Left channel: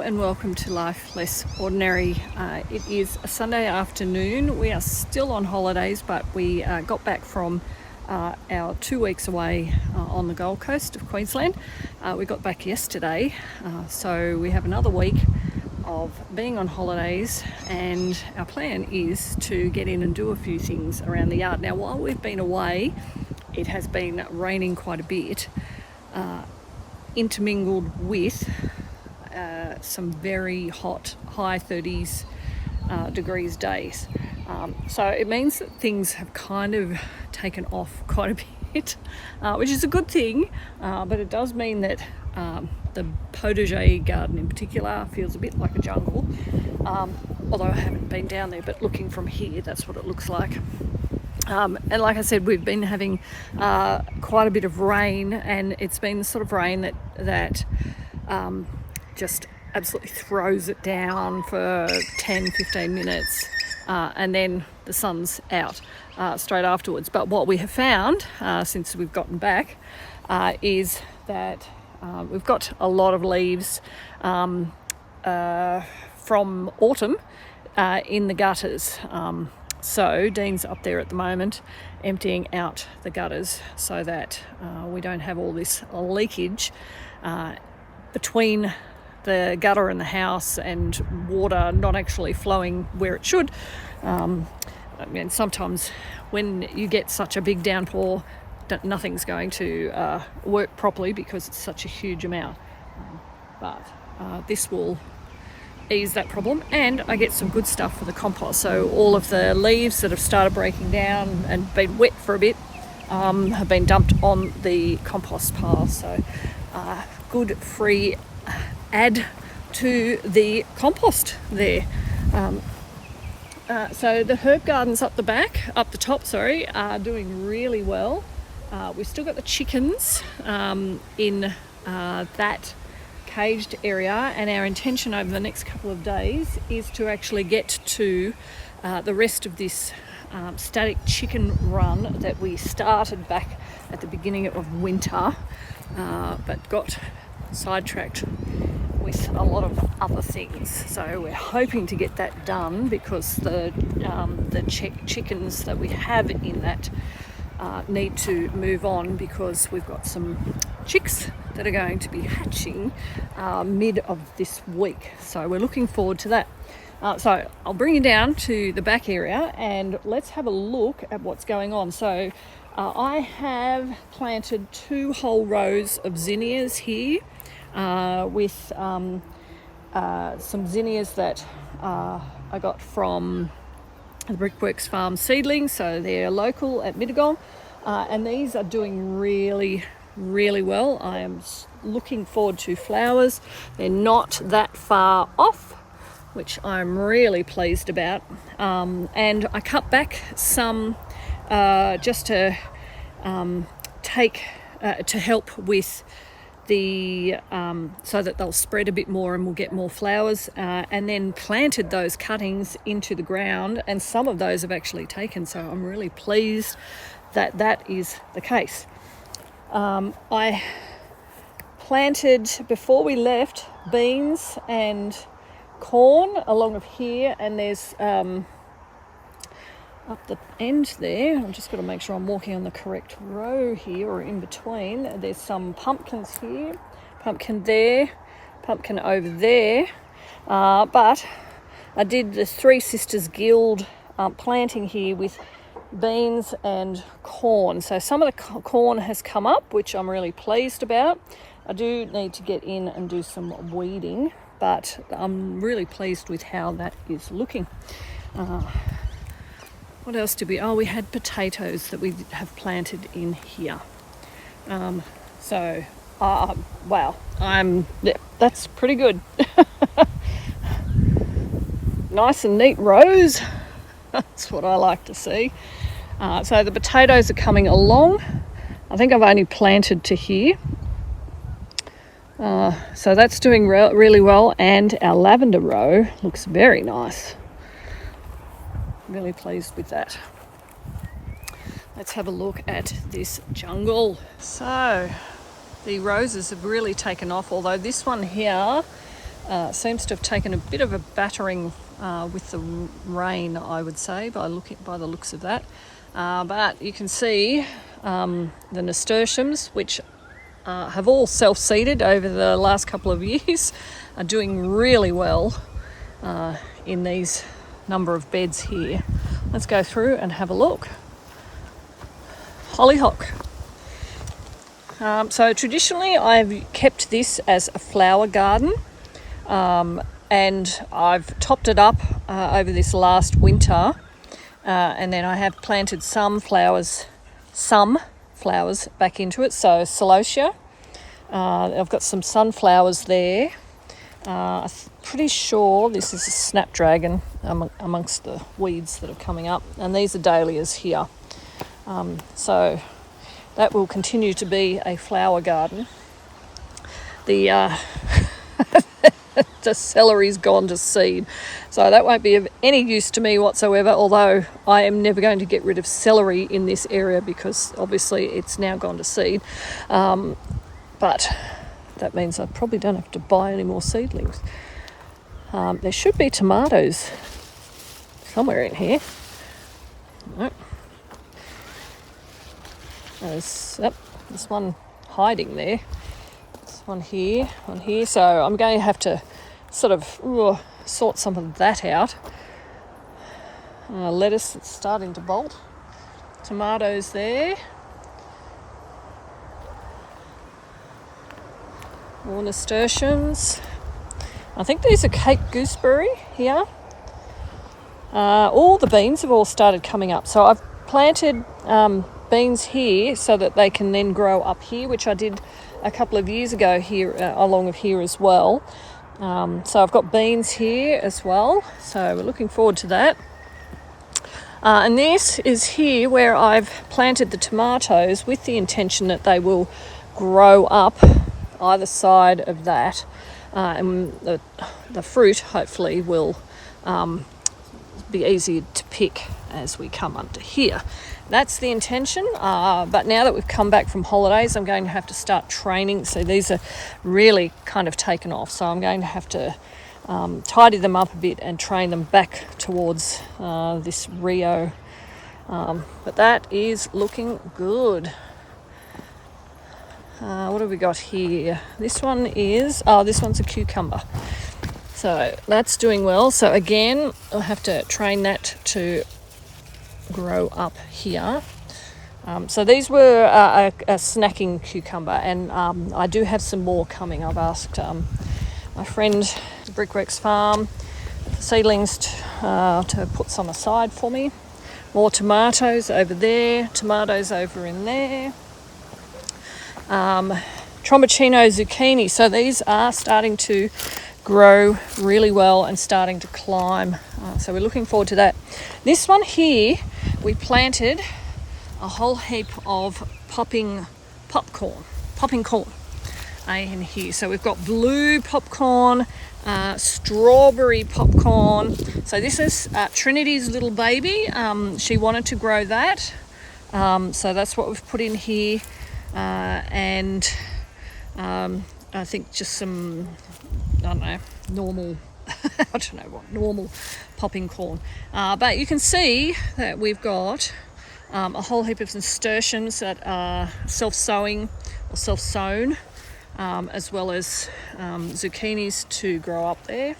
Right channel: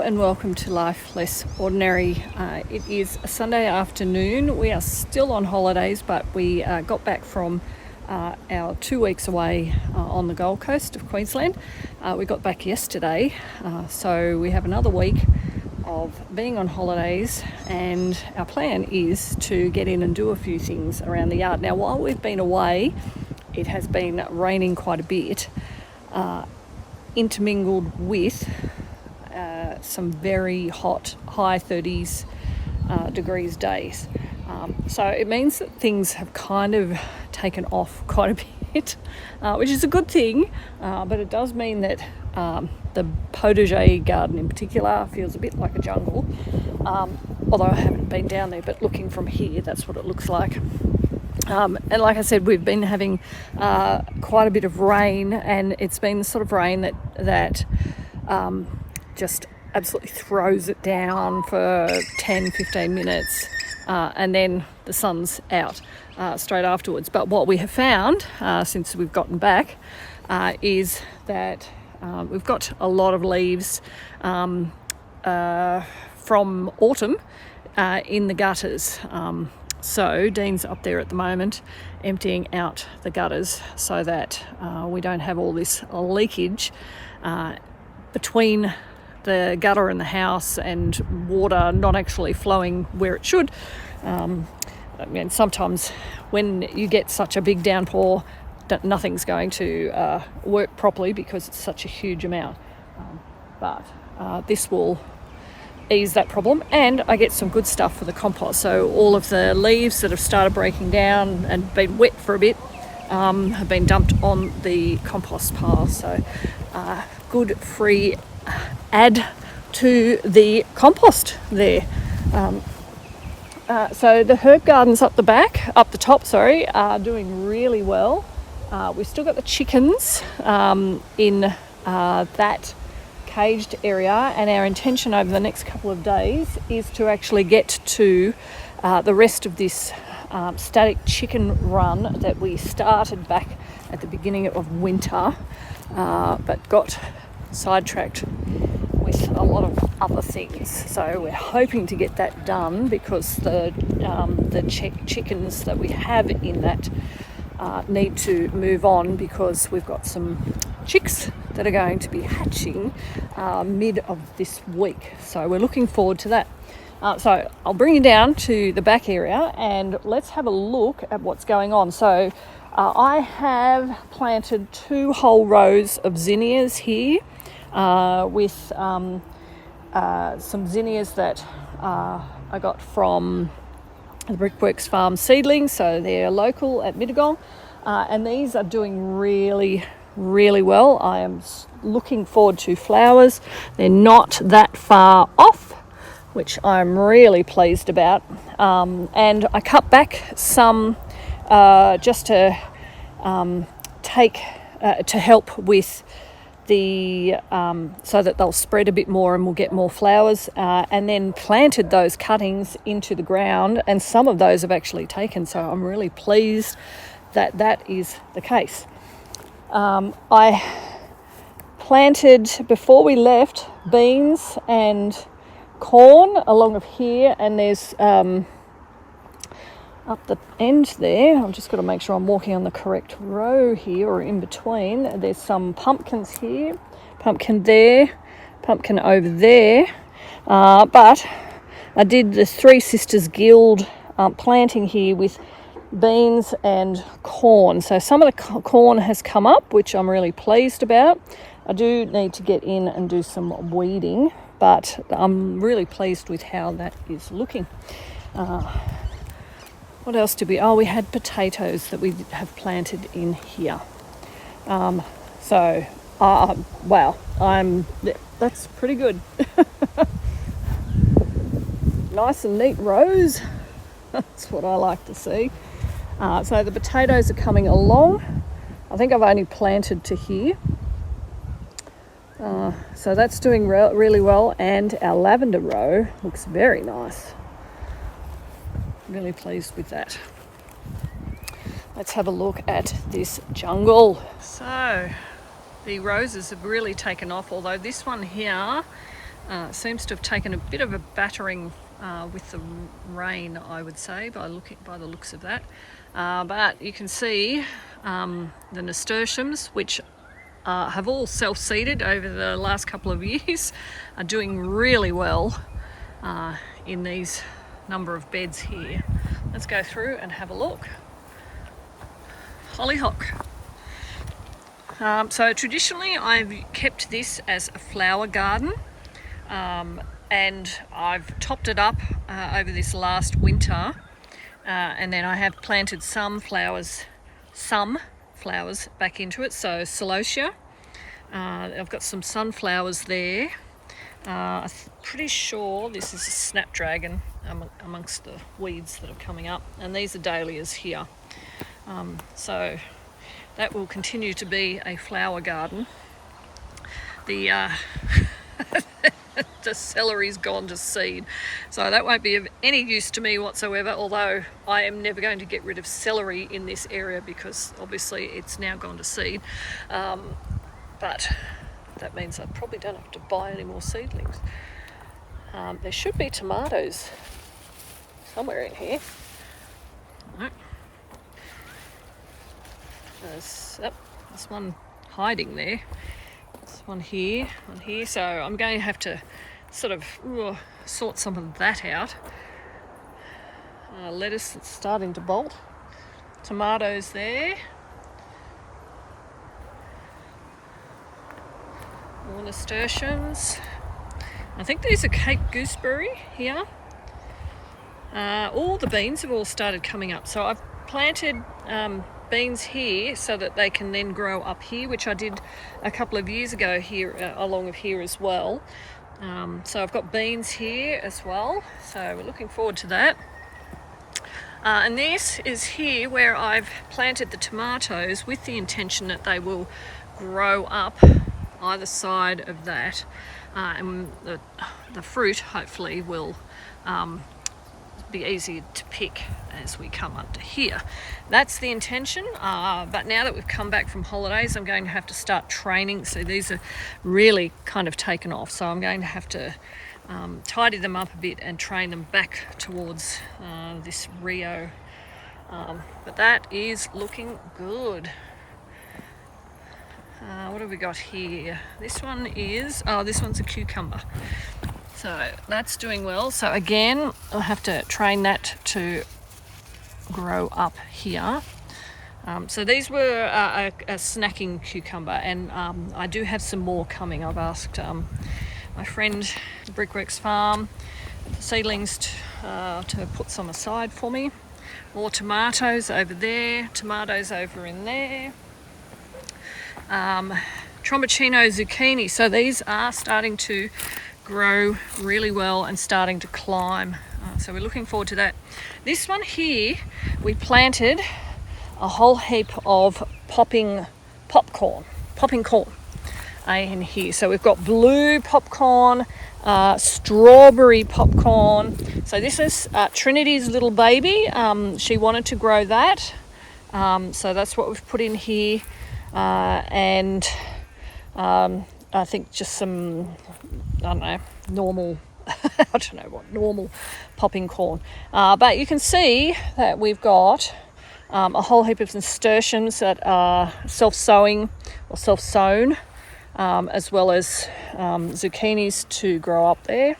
Hello and welcome to Life Less Ordinary. It is a Sunday afternoon. We are still on holidays, but we got back from our 2 weeks away on the Gold Coast of Queensland. We got back yesterday, so we have another week of being on holidays, and our plan is to get in and do a few things around the yard. Now, while we've been away, it has been raining quite a bit, intermingled with some very hot, high 30s degrees days. So it means that things have kind of taken off quite a bit, which is a good thing, but it does mean that the Potager garden in particular feels a bit like a jungle, although I haven't been down there, but looking from here, that's what it looks like. And like I said, we've been having quite a bit of rain, and it's been the sort of rain that just absolutely throws it down for 10-15 minutes, and then the sun's out straight afterwards. But what we have found since we've gotten back is that we've got a lot of leaves from autumn in the gutters. So Dean's up there at the moment emptying out the gutters so that we don't have all this leakage between the gutter and the house, and water not actually flowing where it should. I mean, sometimes when you get such a big downpour, that nothing's going to work properly because it's such a huge amount. But this will ease that problem, and I get some good stuff for the compost. So all of the leaves that have started breaking down and been wet for a bit have been dumped on the compost pile. So good free add to the compost there. So the herb gardens up the top, are doing really well. We've still got the chickens in that caged area, and our intention over the next couple of days is to actually get to the rest of this static chicken run that we started back at the beginning of winter, but got sidetracked with a lot of other things. So we're hoping to get that done because the chickens that we have in that need to move on, because we've got some chicks that are going to be hatching mid of this week. So we're looking forward to that. So I'll bring you down to the back area and let's have a look at what's going on. So I have planted 2 whole rows of zinnias here with some zinnias that I got from the Brickworks Farm seedlings. So they're local at Mittagong, and these are doing really well. I am looking forward to flowers. They're not that far off, which I'm really pleased about. And I cut back some just to to help with the so that they'll spread a bit more and we'll get more flowers, and then planted those cuttings into the ground, and some of those have actually taken, so I'm really pleased that that is the case. I planted, before we left, beans and corn along of here, and there's up the end there, I've just got to make sure I'm walking on the correct row here, or in between. There's some pumpkins here, pumpkin there, pumpkin over there, but I did the Three Sisters Guild planting here with beans and corn. So some of the corn has come up, which I'm really pleased about. I do need to get in and do some weeding, but I'm really pleased with how that is looking. What else did we... Oh, we had potatoes that we have planted in here. Wow, that's pretty good. Nice and neat rows. That's what I like to see. So the potatoes are coming along. I think I've only planted to here. So that's doing really well, and our lavender row looks very nice. Really pleased with that. Let's have a look at this jungle. So the roses have really taken off, although this one here seems to have taken a bit of a battering with the rain, I would say, by the looks of that. But you can see the nasturtiums, which have all self-seeded over the last couple of years, are doing really well in these number of beds here. Let's go through and have a look. Hollyhock. So traditionally I've kept this as a flower garden, and I've topped it up over this last winter, and then I have planted some flowers back into it. So celosia, I've got some sunflowers there. I'm pretty sure this is a snapdragon amongst the weeds that are coming up, and these are dahlias here. So that will continue to be a flower garden. The the celery's gone to seed, so that won't be of any use to me whatsoever, although I am never going to get rid of celery in this area because obviously it's now gone to seed. But that means I probably don't have to buy any more seedlings. There should be tomatoes somewhere in here. All right. There's this one hiding there. This one here. So I'm going to have to sort of sort some of that out. Lettuce that's starting to bolt. Tomatoes there. More nasturtiums. I think these are Cape gooseberry here. All the beans have all started coming up. So I've planted beans here so that they can then grow up here, which I did a couple of years ago here along of here as well. So I've got beans here as well. So we're looking forward to that. And this is here where I've planted the tomatoes with the intention that they will grow up either side of that, and the fruit hopefully will be easier to pick as we come under here. That's the intention, but now that we've come back from holidays, I'm going to have to start training. So these are really kind of taken off, so I'm going to have to tidy them up a bit and train them back towards this Rio. But that is looking good. What have we got here? This one's a cucumber. So that's doing well. So again, I'll have to train that to grow up here. So these were a snacking cucumber, and I do have some more coming. I've asked my friend at Brickworks Farm at the seedlings to put some aside for me. More tomatoes over there, tomatoes over in there. Tromboncino zucchini. So these are starting to grow really well and starting to climb. So we're looking forward to that. This one here, we planted a whole heap of popping corn in here. So we've got blue popcorn, strawberry popcorn. So this is Trinity's little baby. She wanted to grow that. So that's what we've put in here. And I think just some, normal normal popping corn. But you can see that we've got a whole heap of nasturtiums that are self-sowing or self-sown, as well as zucchinis to grow up there.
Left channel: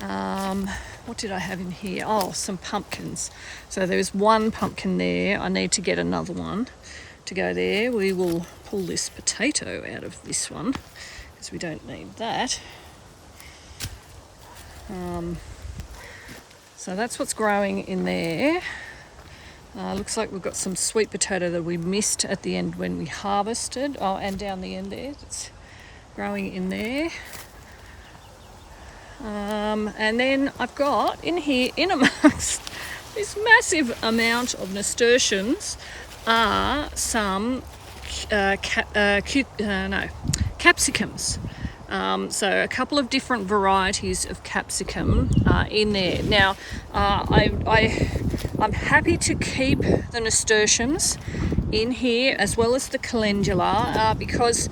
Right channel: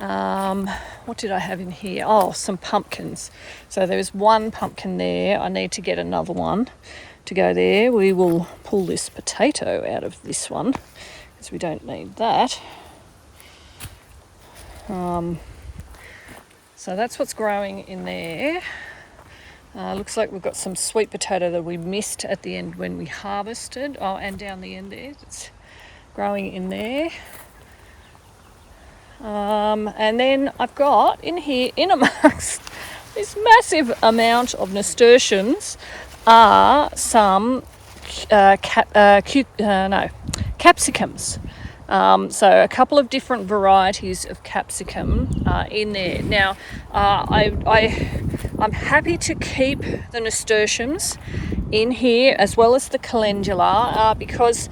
What did I have in here? Oh, some pumpkins. So there's one pumpkin there. I need to get another one to go there. We will pull this potato out of this one because we don't need that. So that's what's growing in there. Looks like we've got some sweet potato that we missed at the end when we harvested. Oh, and down the end there, it's growing in there. And then I've got in here, in amongst this massive amount of nasturtiums, are some capsicums. So a couple of different varieties of capsicum in there. Now, I'm happy to keep the nasturtiums in here as well as the calendula because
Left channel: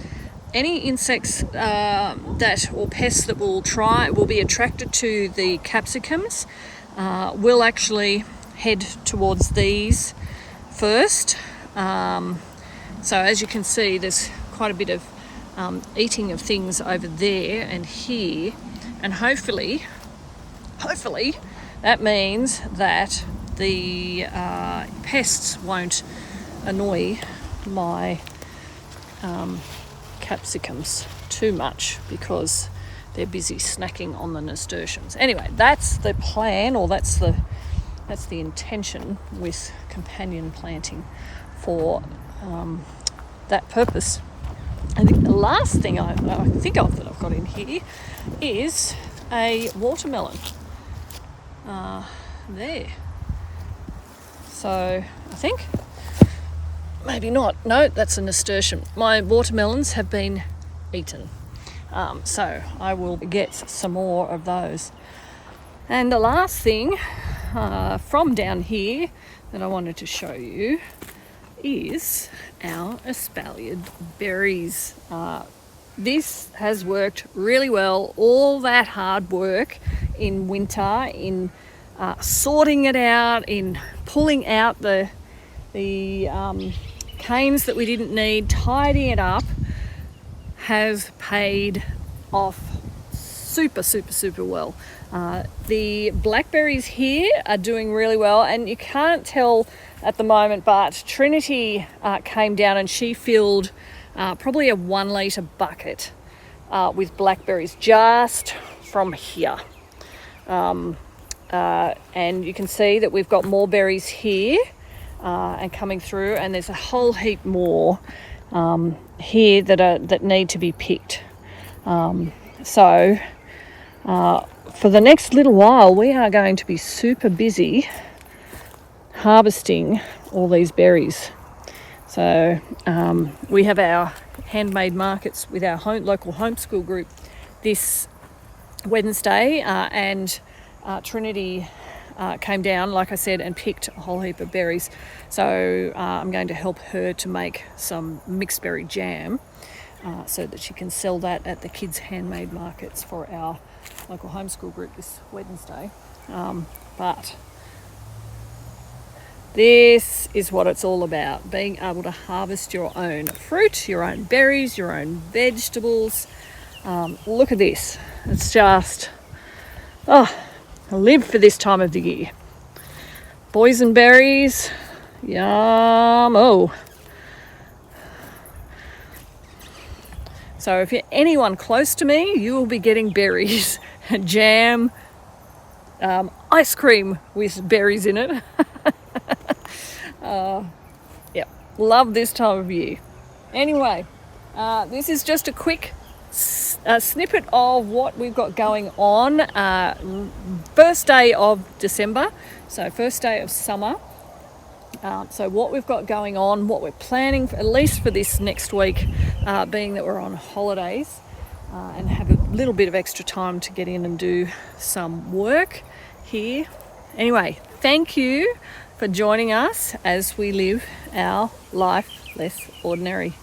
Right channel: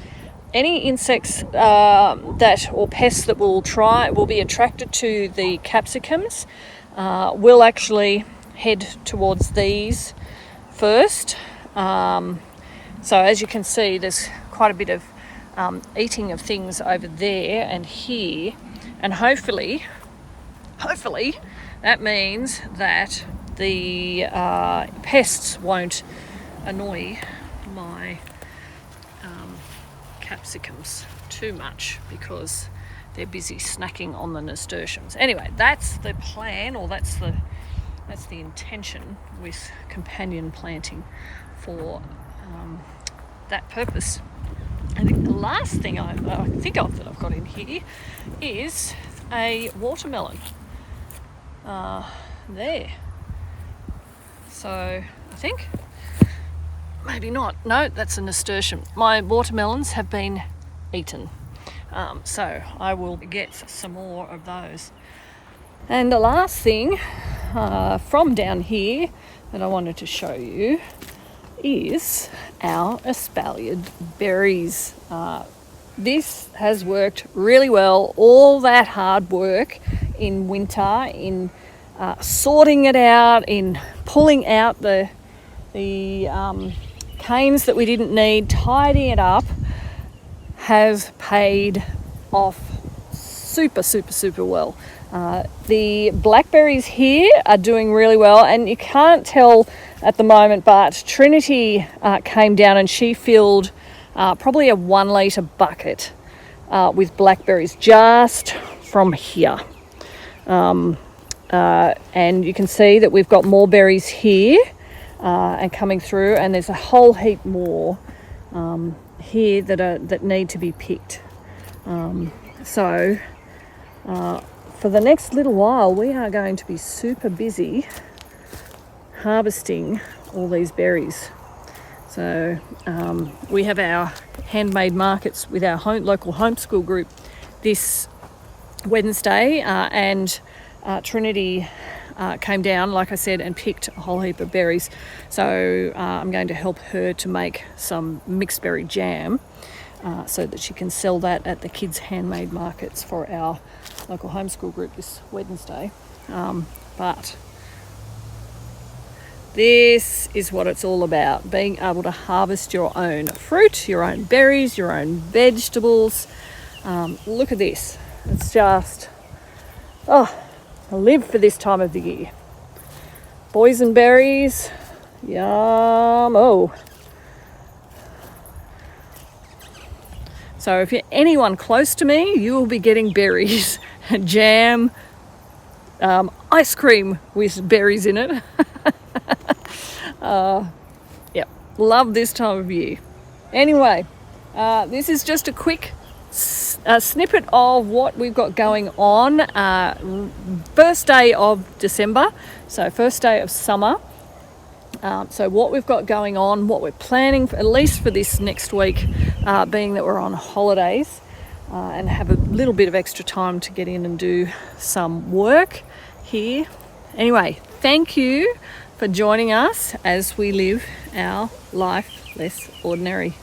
any insects or pests that will be attracted to the capsicums will actually head towards these first. So as you can see, there's quite a bit of eating of things over there and here, and hopefully that means that the pests won't annoy my capsicums too much because they're busy snacking on the nasturtiums. Anyway, that's the plan, or that's the intention with companion planting for that purpose. I think the last thing I think of that I've got in here is a watermelon. There. So I think, maybe not. No, that's a nasturtium. My watermelons have been eaten. So I will get some more of those. And the last thing from down here that I wanted to show you is our espaliered berries. This has worked really well. All that hard work in winter, in sorting it out, in pulling out the canes that we didn't need, tidying it up, has paid off super well. The blackberries here are doing really well, and you can't tell at the moment, but Trinity came down and she filled probably a 1 litre bucket with blackberries just from here. And you can see that we've got more berries here and coming through, and there's a whole heap more here that need to be picked. So for the next little while, we are going to be super busy harvesting all these berries. So we have our handmade markets with our local homeschool group this Wednesday, and Trinity came down, like I said, and picked a whole heap of berries. So I'm going to help her to make some mixed berry jam so that she can sell that at the kids' handmade markets for our local homeschool group this Wednesday. But this is what it's all about, being able to harvest your own fruit, your own berries, your own vegetables. Look at this. It's just, I live for this time of the year. Boysenberries, yum. Oh. So if you're anyone close to me, you will be getting berries, jam, ice cream with berries in it. Yeah, love this time of year. Anyway, this is just a quick snippet of what we've got going on. First day of December, so first day of summer. So what we've got going on, what we're planning, at least for this next week, being that we're on holidays and have a little bit of extra time to get in and do some work here. Anyway, thank you for joining us as we live our life less ordinary.